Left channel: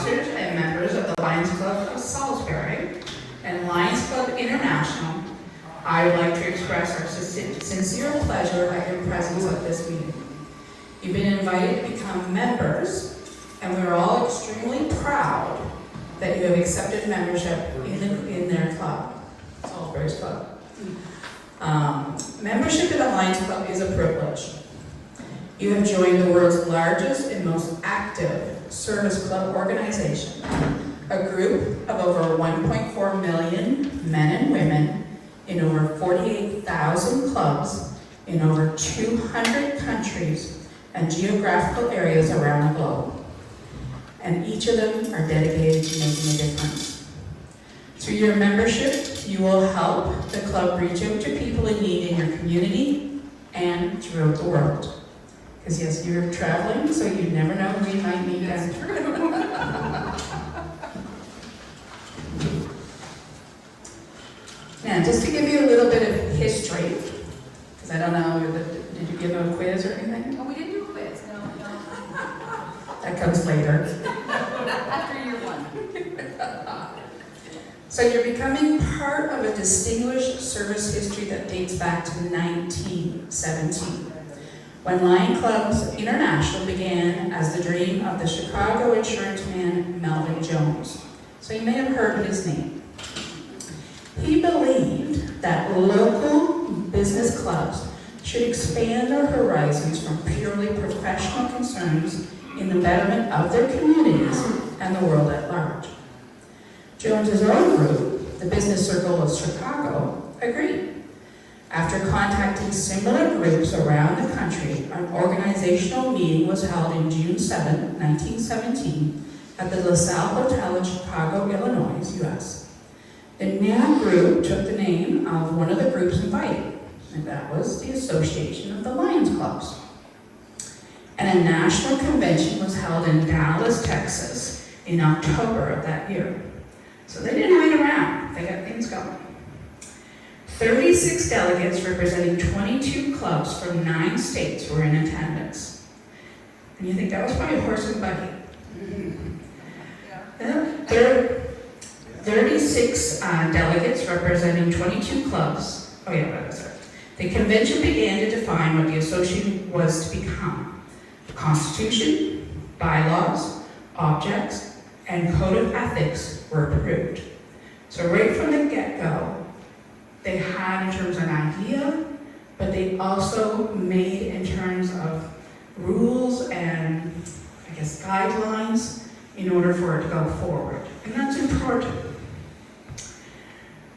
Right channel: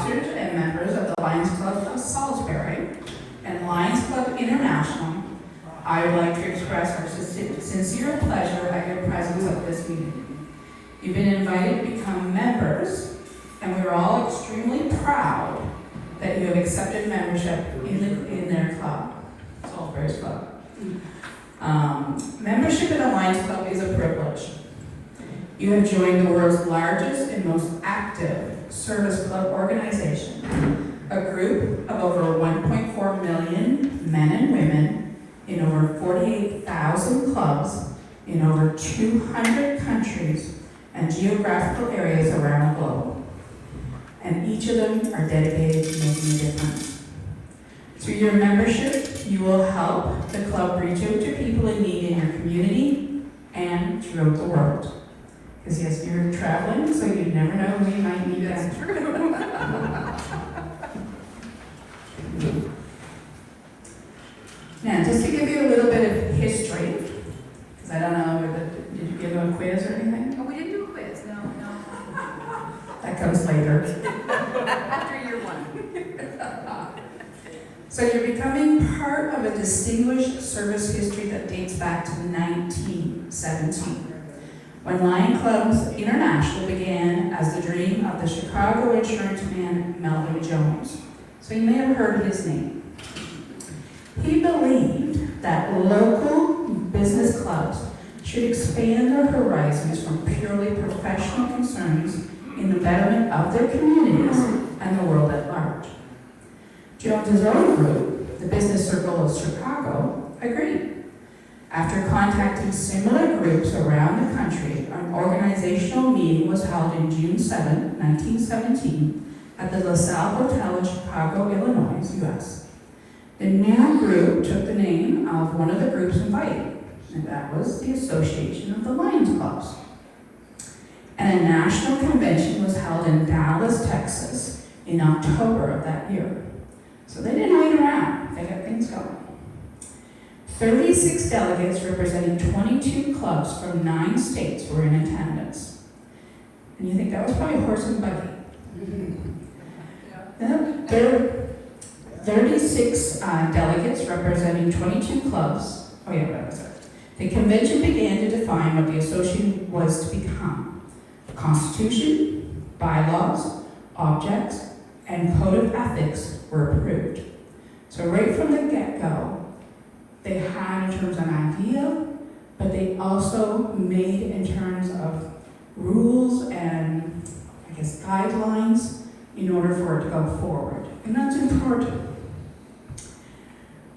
officers and members of the Lions Club of Salisbury and Lions Club International, I would like to express our sincere pleasure at your presence at this meeting. You've been invited to become members, and we're all extremely proud that you have accepted membership in their club, Salisbury's club. Membership in the Lions Club is a privilege. You have joined the world's largest and most active service club organization, a group of over 1.4 million men and women in over 48,000 clubs in over 200 countries and geographical areas around the globe. And each of them are dedicated to making a difference. Through your membership, you will help the club reach out to people in need in your community and throughout the world. Because yes, you're traveling, so you never know who you might meet as Now, just to give you a little bit of history, because I don't know, did you give a quiz or anything? Oh, we didn't do a quiz, no. That comes later. After year one. So you're becoming part of a distinguished service history that dates back to 1917. When Lion Clubs International began as the dream of the Chicago insurance man Melvin Jones. So you may have heard of his name. He believed that local business clubs should expand their horizons from purely professional concerns in the betterment of their communities and the world at large. Jones's own group, the Business Circle of Chicago, agreed. After contacting similar groups around the country, an organizational meeting was held in June 7, 1917, at the LaSalle Hotel in Chicago, Illinois, U.S. The new group took the name of one of the groups invited, and that was the Association of the Lions Clubs. And a national convention was held in Dallas, Texas, in October of that year. So they didn't wait around, they got things going. 36 delegates representing 22 clubs from 9 states were in attendance. And you think that was probably a horse and buggy. Yeah. 36 delegates representing 22 clubs. Oh yeah, what was it? The convention began to define what the association was to become. The Constitution, bylaws, objects, and code of ethics were approved. So right from the get-go, they had in terms of an idea, but they also made in terms of rules and, I guess, guidelines in order for it to go forward. And that's important.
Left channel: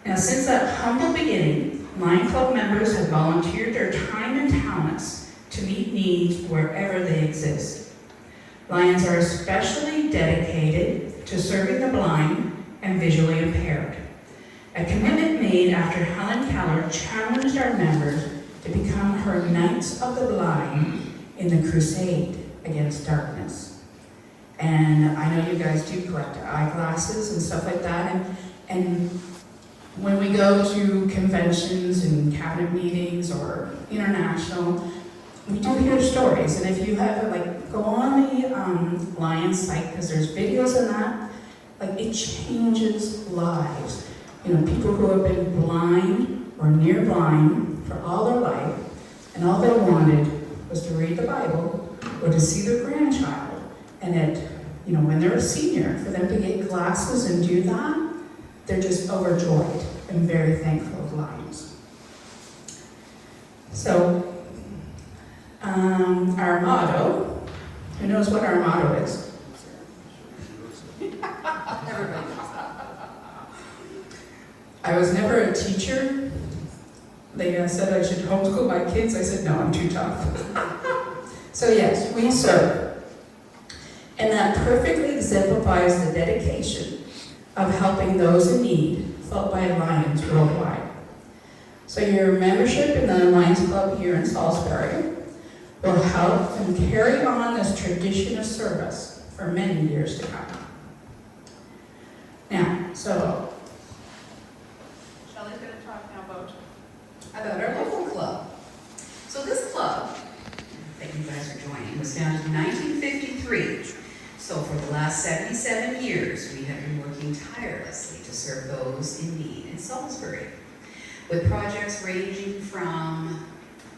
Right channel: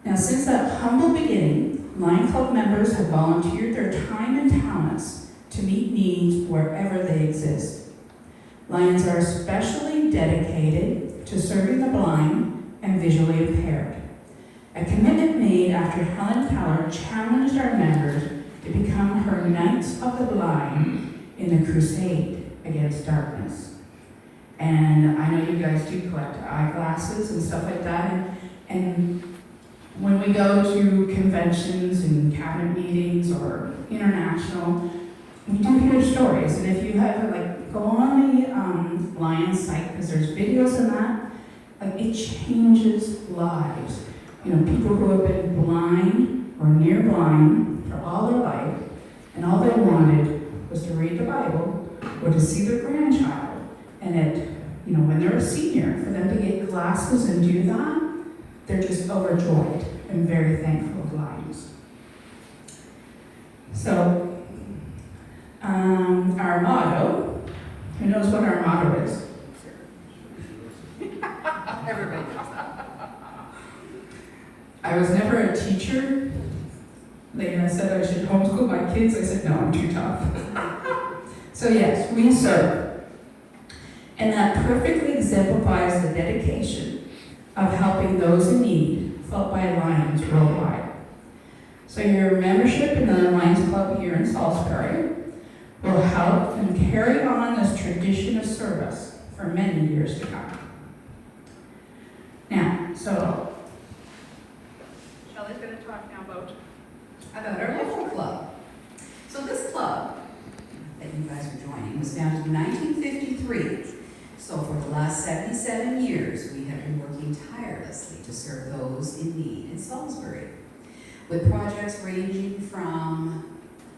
Now, since that humble beginning, Lion Club members have volunteered their time and talents to meet needs wherever they exist. Lions are especially dedicated to serving the blind and visually impaired. A commitment made after Helen Keller challenged our members to become her Knights of the Blind in the crusade against darkness. And I know you guys do collect eyeglasses and stuff like that, and when we go to conventions and cabinet meetings or international, we do hear stories. And if you have, go on the Lions site, because there's videos of that, it changes lives. You know, people who have been blind or near blind for all their life, and all they wanted was to read the Bible or to see their grandchild. And when they're a senior, for them to get glasses and do that, they're just overjoyed and very thankful of Lions. So, our motto, who knows what our motto is? Everybody knows. I was never a teacher. They said I should homeschool my kids. I said, no, I'm too tough. So yes, we serve. And that perfectly exemplifies the dedication of helping those in need felt by Lions worldwide. So your membership in the Lions Club here in Salisbury will help and carry on this tradition of service for many years to come. Now, so Shelley's going to talk now about our local club. So this club that you guys are joining was founded in 1953. So for the last last 77 years, we have been working tirelessly to serve those in need in Salisbury, with projects ranging from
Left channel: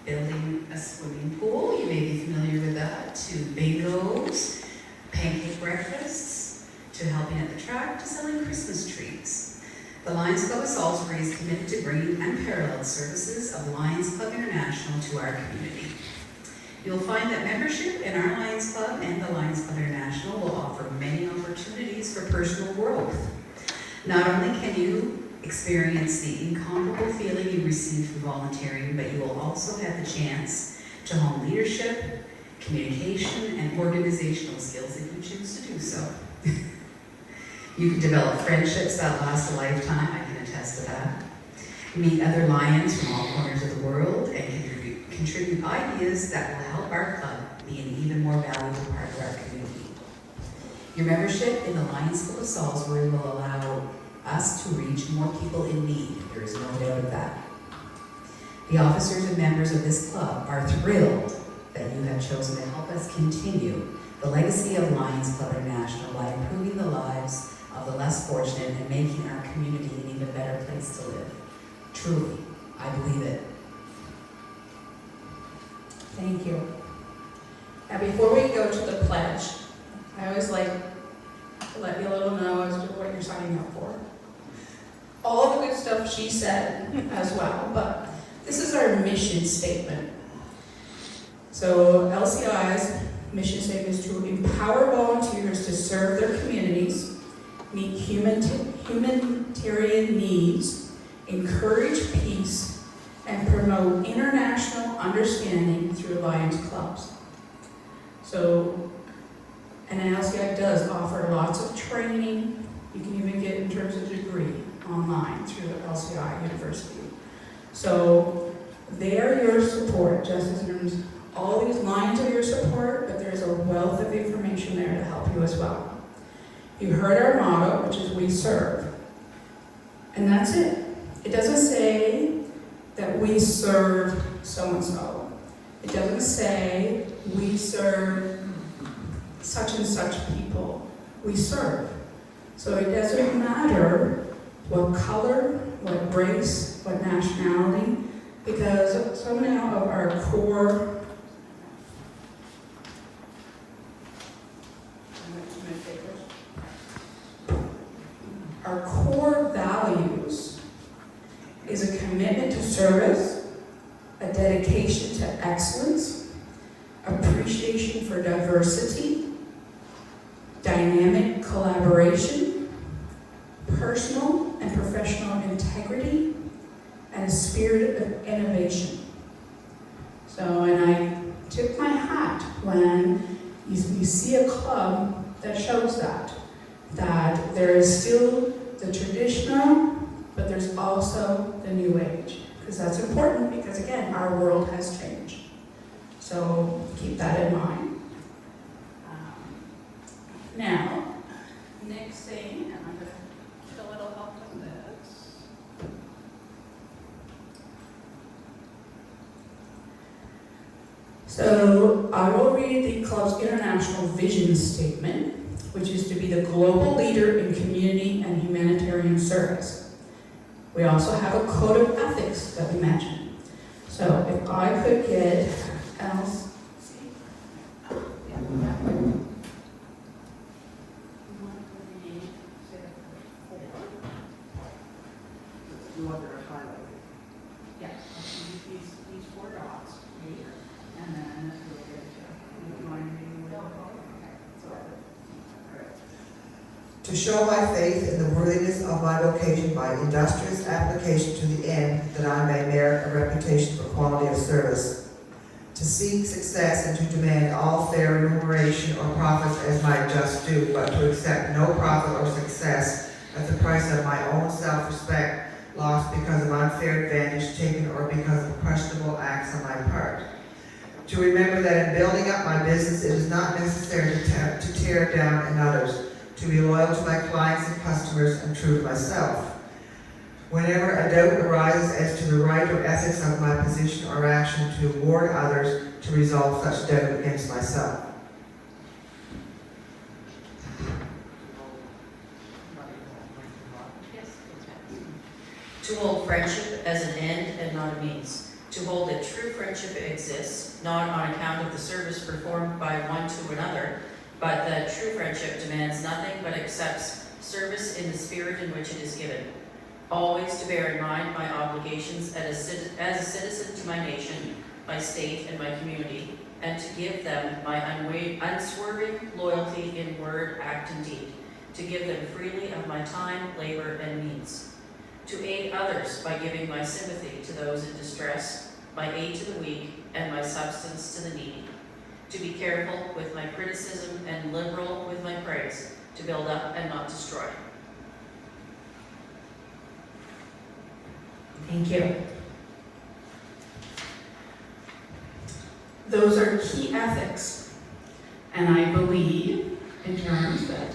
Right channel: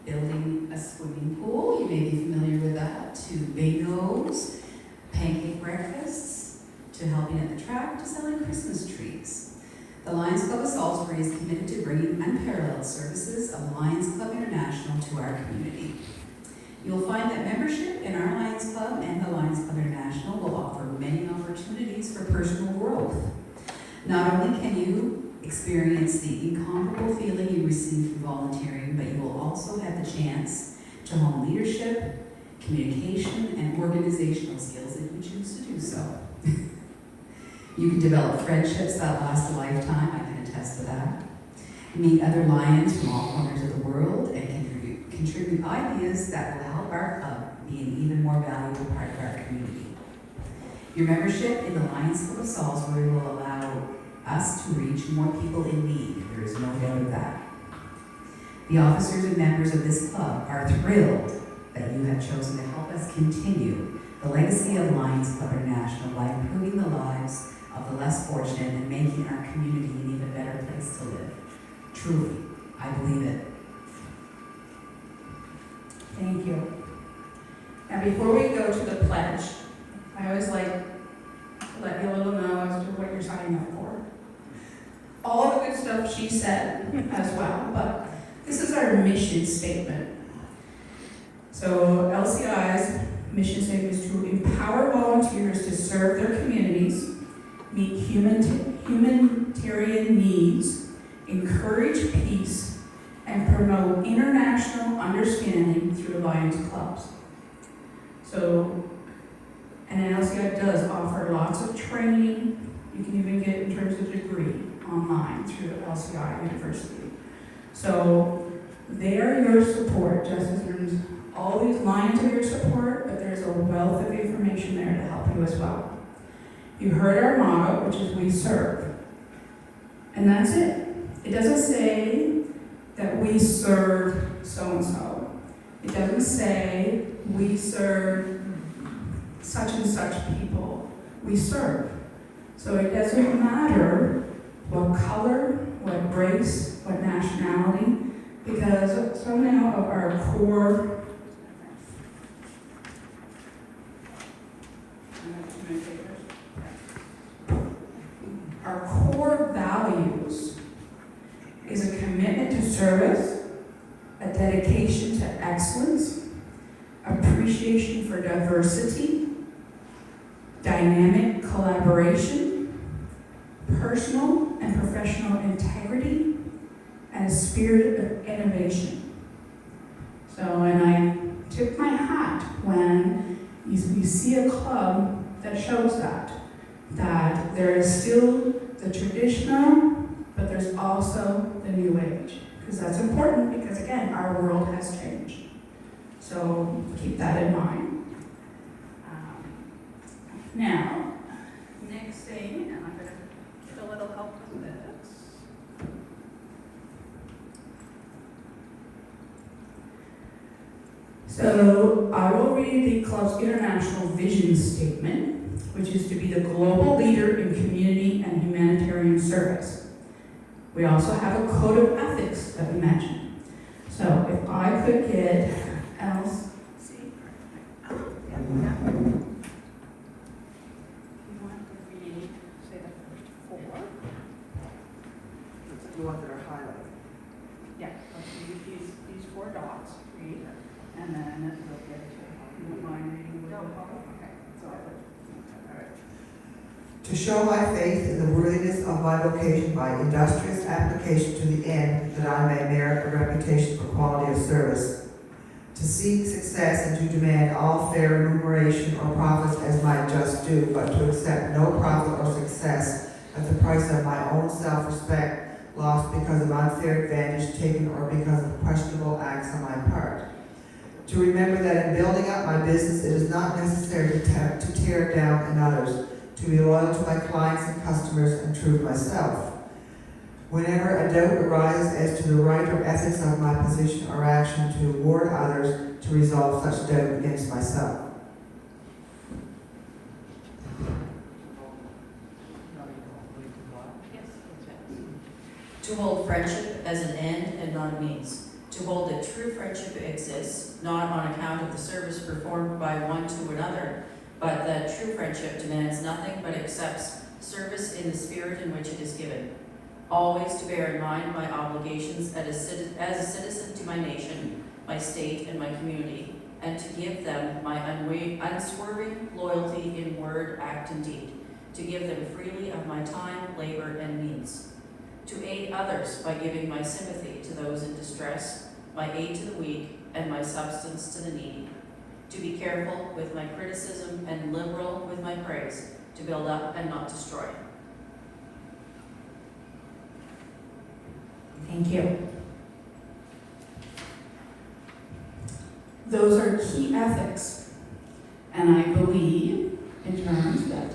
building a swimming pool, you may be familiar with that, to bingos, pancake breakfasts, to helping at the track, to selling Christmas trees. The Lions Club of Salisbury is committed to bringing unparalleled services of Lions Club International to our community. You'll find that membership in our Lions Club and the Lions Club International will offer many opportunities for personal growth. Not only can you experience the incomparable feeling you receive from volunteering, but you will also have the chance to hone leadership, communication, and organizational skills if you choose to do so. You can develop friendships that last a lifetime, I can attest to that. Meet other Lions from all corners of the world and contribute ideas that will help our club be an even more valuable part of our community. Your membership in the Lions Club of Salisbury will allow us to reach more people in need. There is no doubt of that. The officers and members of this club are thrilled that you have chosen to help us continue the legacy of Lions Club International by improving the lives of the less fortunate and making our community an even better place to live. Truly, I believe it. Thank you. Now, before we go to the pledge, I always like to let you all know as to what you're signing up for. All the good stuff she said as well, but this is our mission statement. So LCI's mission statement is to empower volunteers to serve their communities, meet humanitarian needs, encourage peace, and promote international understanding through Lions clubs. So, and LCI does offer lots of training. You can even get in terms of degree online through LCI University. So they are your support, just as there's all these Lions are your support, but there's a wealth of information there to help you as well. You heard our motto, which is we serve. And that's it. It doesn't say that we serve so-and-so. It doesn't say we serve such and such people. We serve. So it doesn't matter what color, what race, what nationality, because so many of our core values is a commitment to service, a dedication to excellence, appreciation for diversity, dynamic collaboration, personal and professional integrity, and a spirit of innovation. So, and I tip my hat when you see a club that shows that there is still the traditional, but there's also the new age. Because that's important, because again, our world has changed. So keep that in mind. Now, next thing, and I'm going to get a little help with this. So I will read the club's international vision statement, which is to be the global leader in community and humanitarian service. We also have a code of ethics that we mentioned. So if I could get else. The ones that are highlighted. Yeah, these four dots, read, and then look at, you don't mind reading? No, okay, so To show my faith in the worthiness of my vocation by industrious application to the end that I may merit a reputation for quality of service. To seek success and to demand all fair remuneration or profits as my just due, but to accept no profit or success at the price of my own self-respect lost because of unfair advantage taken or because of questionable acts on my part. To remember that in building up my business, it is not necessary to tear down in others, to be loyal to my clients and customers and true to myself. Whenever a doubt arises as to the right or ethics of my position or action, to warn others to resolve such doubt against myself. To hold friendship as an end and not a means. To hold that true friendship exists, not on account of the service performed by one to another, but that true friendship demands nothing but accepts service in the spirit in which it is given. Always to bear in mind my obligations as a citizen to my nation, my state, and my community, and to give them my unswerving loyalty in word, act, and deed. To give them freely of my time, labor, and means. To aid others by giving my sympathy to those in distress, my aid to the weak, and my substance to the needy. To be careful with my criticism and liberal with my praise, to build up and not destroy. Thank you. Those are key ethics, and I believe in terms that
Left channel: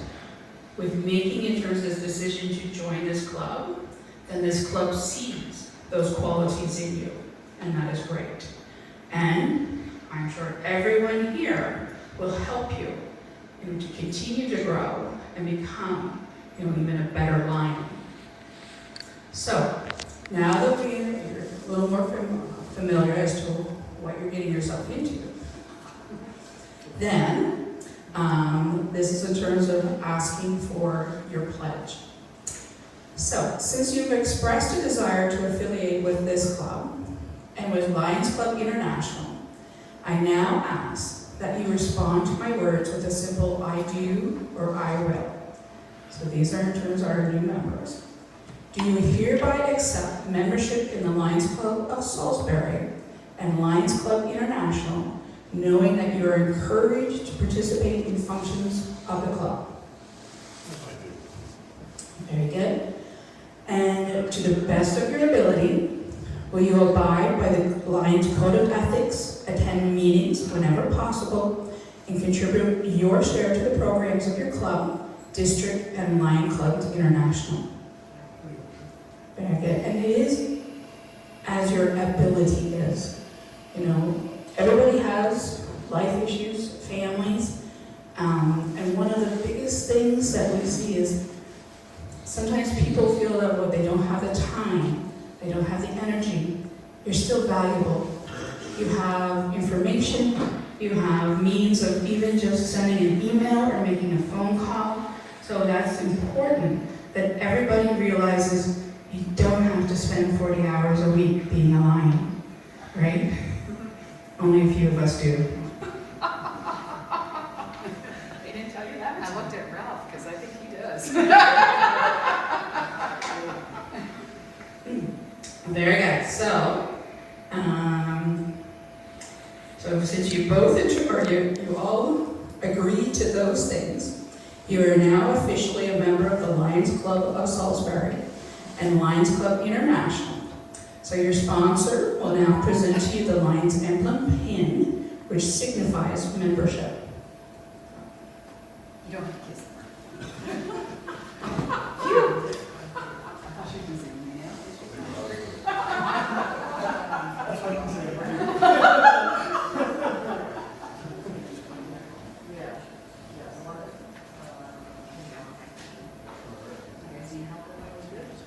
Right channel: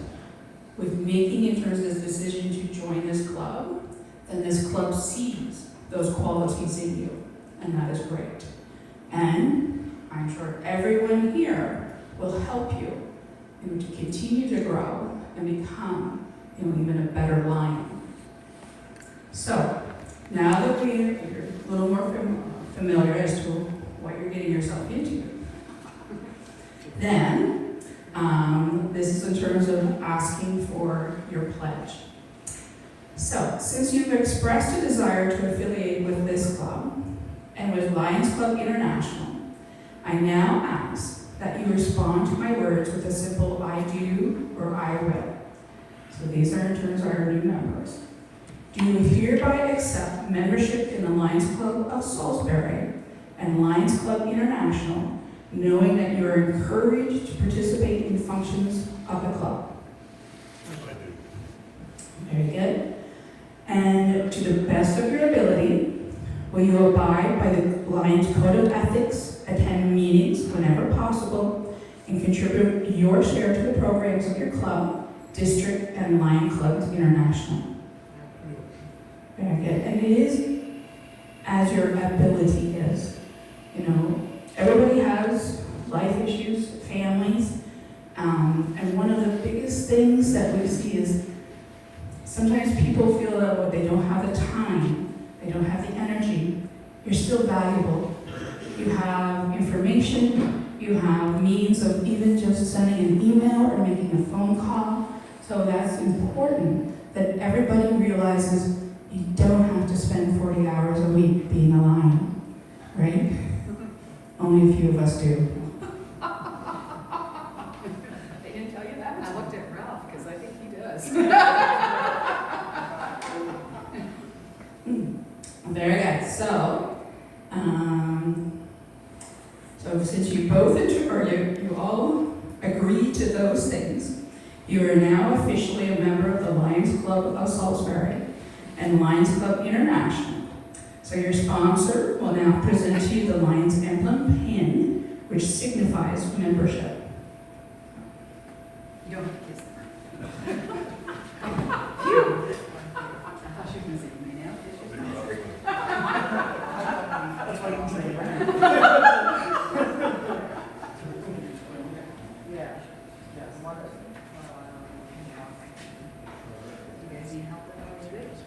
with making in terms of this decision to join this club, then this club sees those qualities in you, and that is great. And I'm sure everyone here will help you, to continue to grow and become, even a better lion. So now that you're a little more familiar as to what you're getting yourself into, then this is in terms of asking for your pledge. So, since you've expressed a desire to affiliate with this club and with Lions Club International, I now ask that you respond to my words with a simple I do or I will. So these are in terms of our new members. Do you hereby accept membership in the Lions Club of Salisbury and Lions Club International, knowing that you are encouraged to participate in functions of the club? Very good. And to the best of your ability, will you abide by the Lions Code of Ethics, attend meetings whenever possible, and contribute your share to the programs of your club, district, and Lion Clubs International? Very good. And it is as your ability is. Everybody has life issues, families, and one of the biggest things that we see is sometimes people feel that they don't have the time, they don't have the energy. You're still valuable. You have information, you have means of even just sending an email or making a phone call. So that's important that everybody realizes you don't have to spend 40 hours a week being a lion, right? Only a few of us do. They didn't tell you that? I looked at Ralph, because I think he does. Very good. So since you both you all agreed to those things, you are now officially a member of the Lions Club of Salisbury and Lions Club International. So your sponsor will now present to you the Lions emblem pin, which signifies membership. You don't have to kiss them. I thought she'd be saying me now. That's what you can say, right? You guys need help with all this?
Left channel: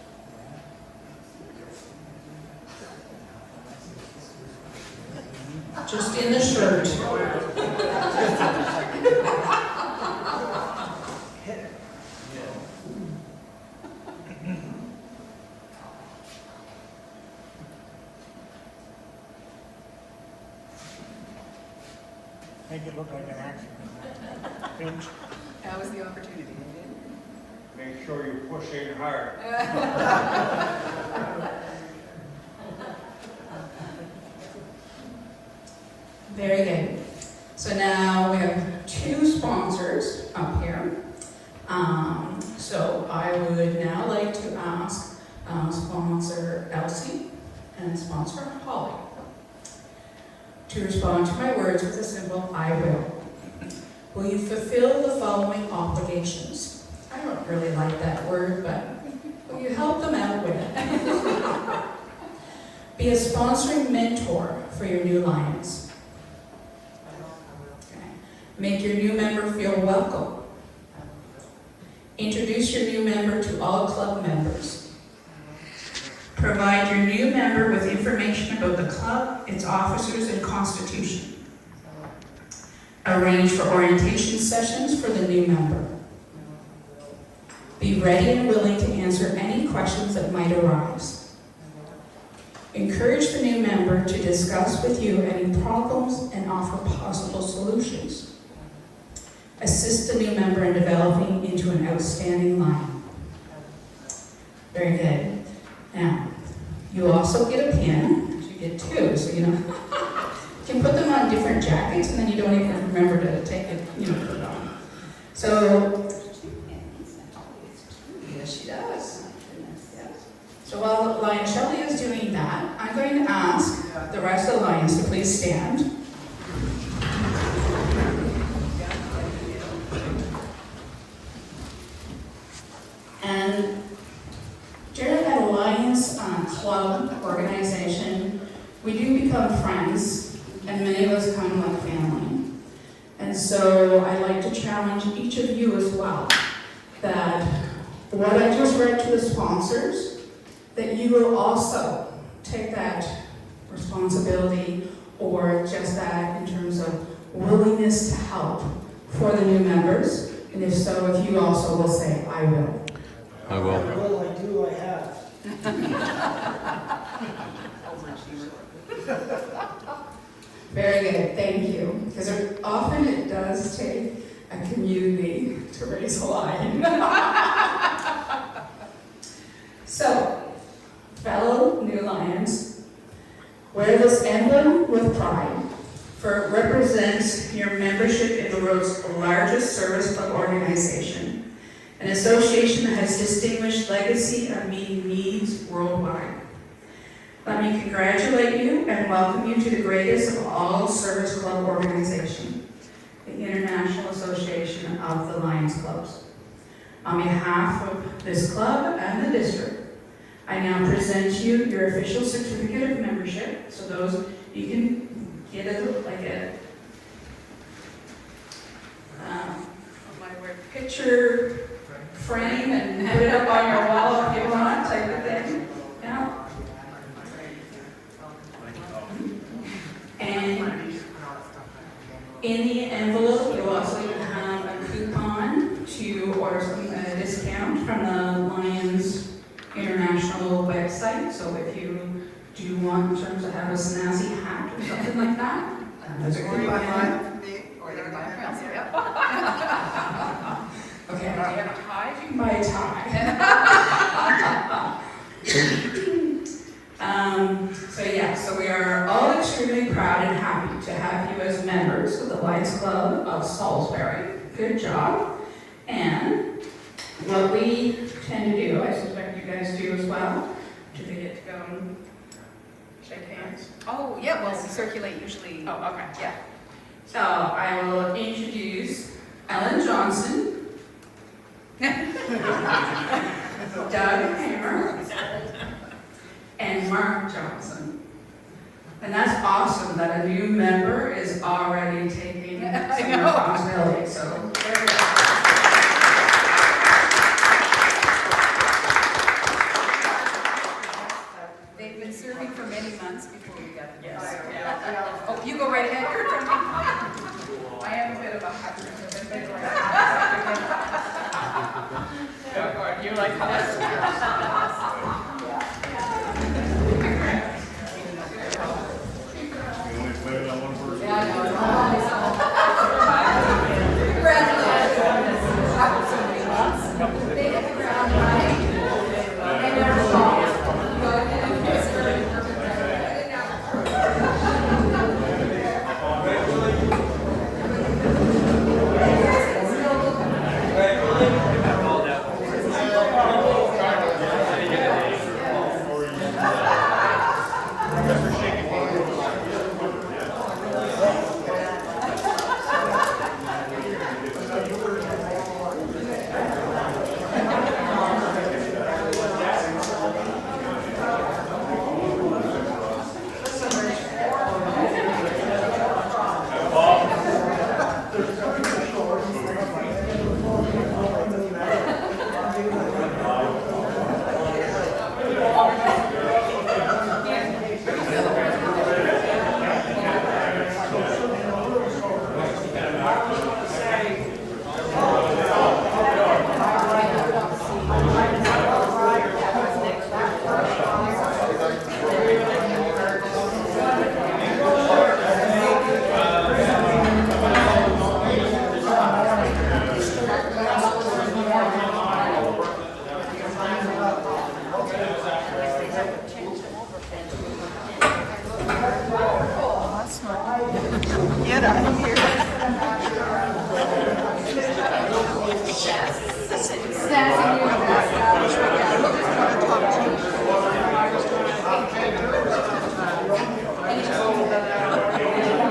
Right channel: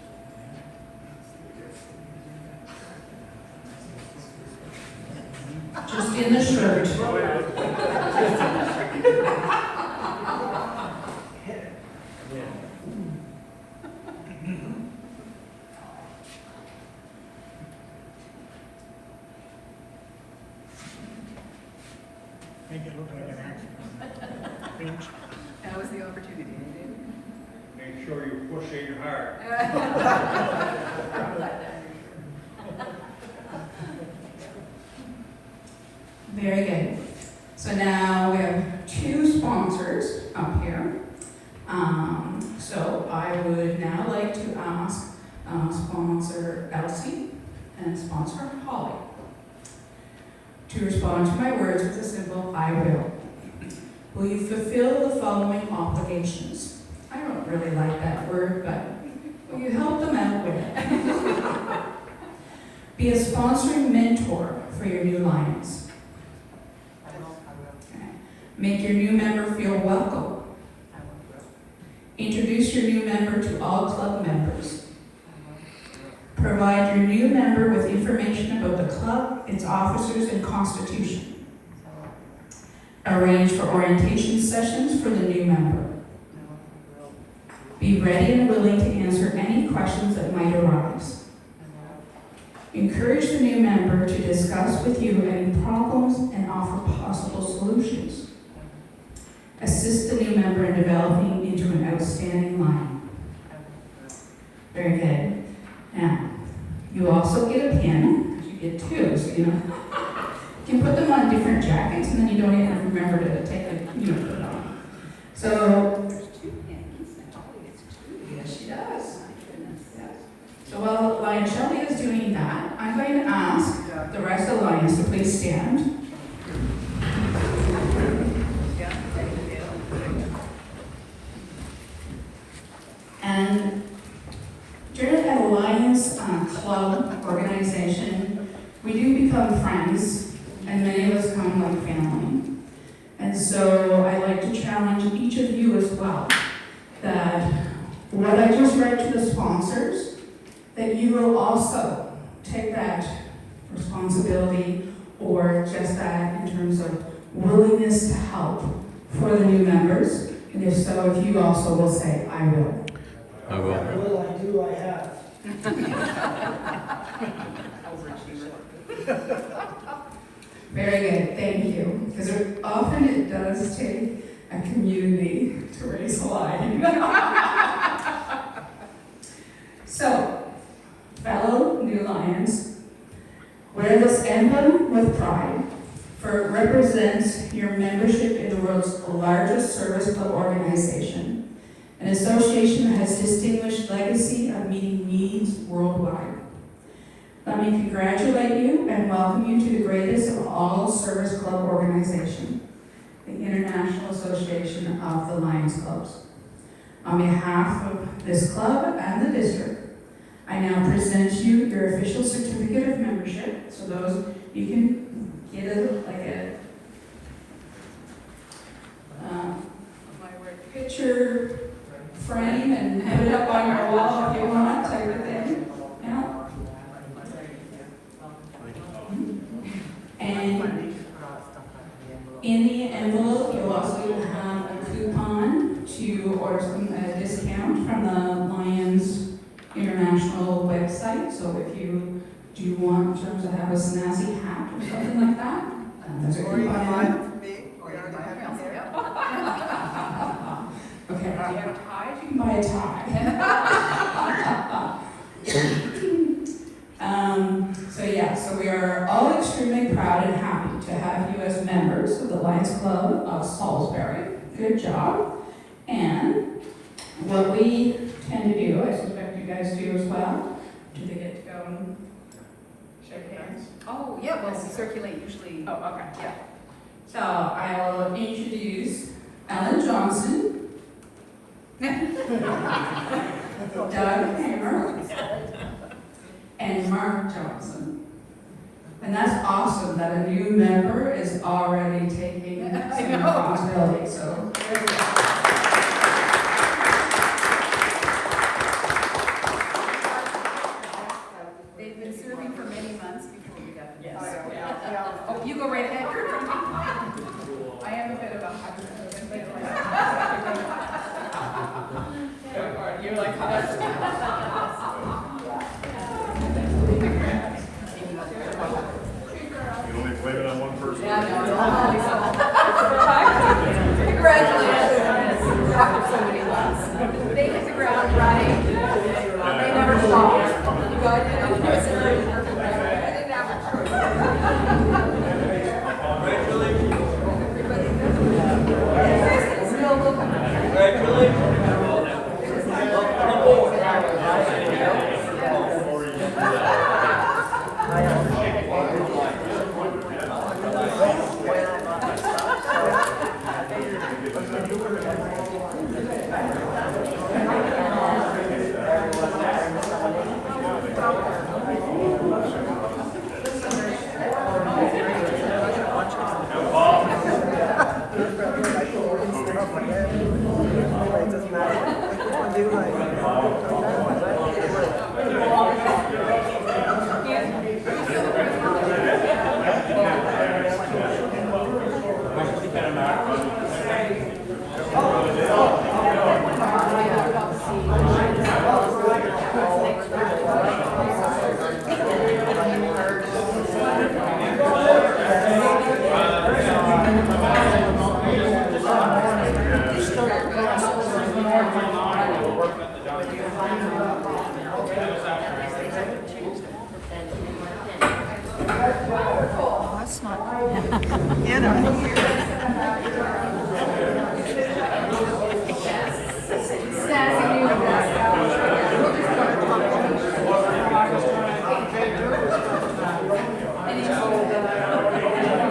Just in the shirt. Make it look like an accident. Pinch. That was the opportunity, didn't Make sure you push in hard. Very good. So now we have two sponsors up here. So I would now like to ask sponsor Elsie and sponsor Holly to respond to my words with a simple I will. Will you fulfill the following obligations? I don't really like that word, but will you help them out with it? Be a sponsoring mentor for your new Lions. Okay. Make your new member feel welcome. Introduce your new member to all club members. Provide your new member with information about the club, its officers, and constitution. Arrange for orientation sessions for the new member. Be ready and willing to answer any questions that might arise. Encourage the new member to discuss with you any problems and offer possible solutions. Assist the new member in developing into an outstanding lion. Very good. Now, you also get a pin. You get two, so you know. You can put them on different jackets, and then you don't even remember to take the, put it on. So, yes, she does. Yes. So while Lion Shelley is doing that, I'm going to ask the rest of the lions to please stand. And during the Lions Club organization, we do become friends, and many of us come like family. And so I'd like to challenge each of you as well, that what I just read to the sponsors, that you will also take that responsibility, or just that in terms of willingness to help for the new members. And if so, if you also will say, I will. I will. I will, I do, I have. Very good, thank you. Because often it does take a community to raise a lion. So, fellow new lions, wear this emblem with pride, for it represents your membership in the world's largest service club organization, an association that has distinguished legacy of meeting needs worldwide. Let me congratulate you and welcome you to the greatest of all service club organizations, the International Association of the Lions Clubs. On behalf of this club and the district, I now present you your official certificate of membership. So those, you can get it like a picture frame and put it up on your wall if you want, type of thing. Yeah. And in the envelope, you'll also have a coupon to order some discount from the Lions International website. So if you do want, in terms of have a snazzy hat or something like that, there's a coupon. Okay, if you have a tie, you can buy a tie. So we are all extremely proud and happy to have you as members of the Lions Club of Salisbury. Good job. And what we tend to do, I suspect you guys do as well, do they get to go and shake hands? Oh, yeah, well, we circulate usually. Oh, okay. Yeah. So I will introduce Ellen Johnson, Doug Hamer, and Mark Johnson. And that's awesome that a new member is already taking some responsibility. So very good. They've been serving for many months before we got them. Yes. Oh, you go right ahead, Kurt. I am a bit of a hybrid. You like this? You only blame it on one person? Congratulations. They hit the ground running. They never stopped. Good.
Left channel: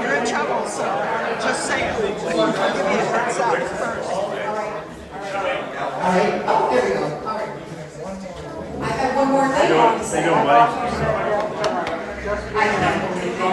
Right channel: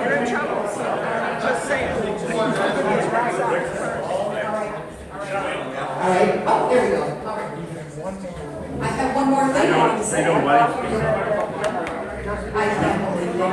You're in trouble, so just say it. I'll give you a heads up first. All right, oh, there we go. I have one more thing. There you go, buddy. I can't believe they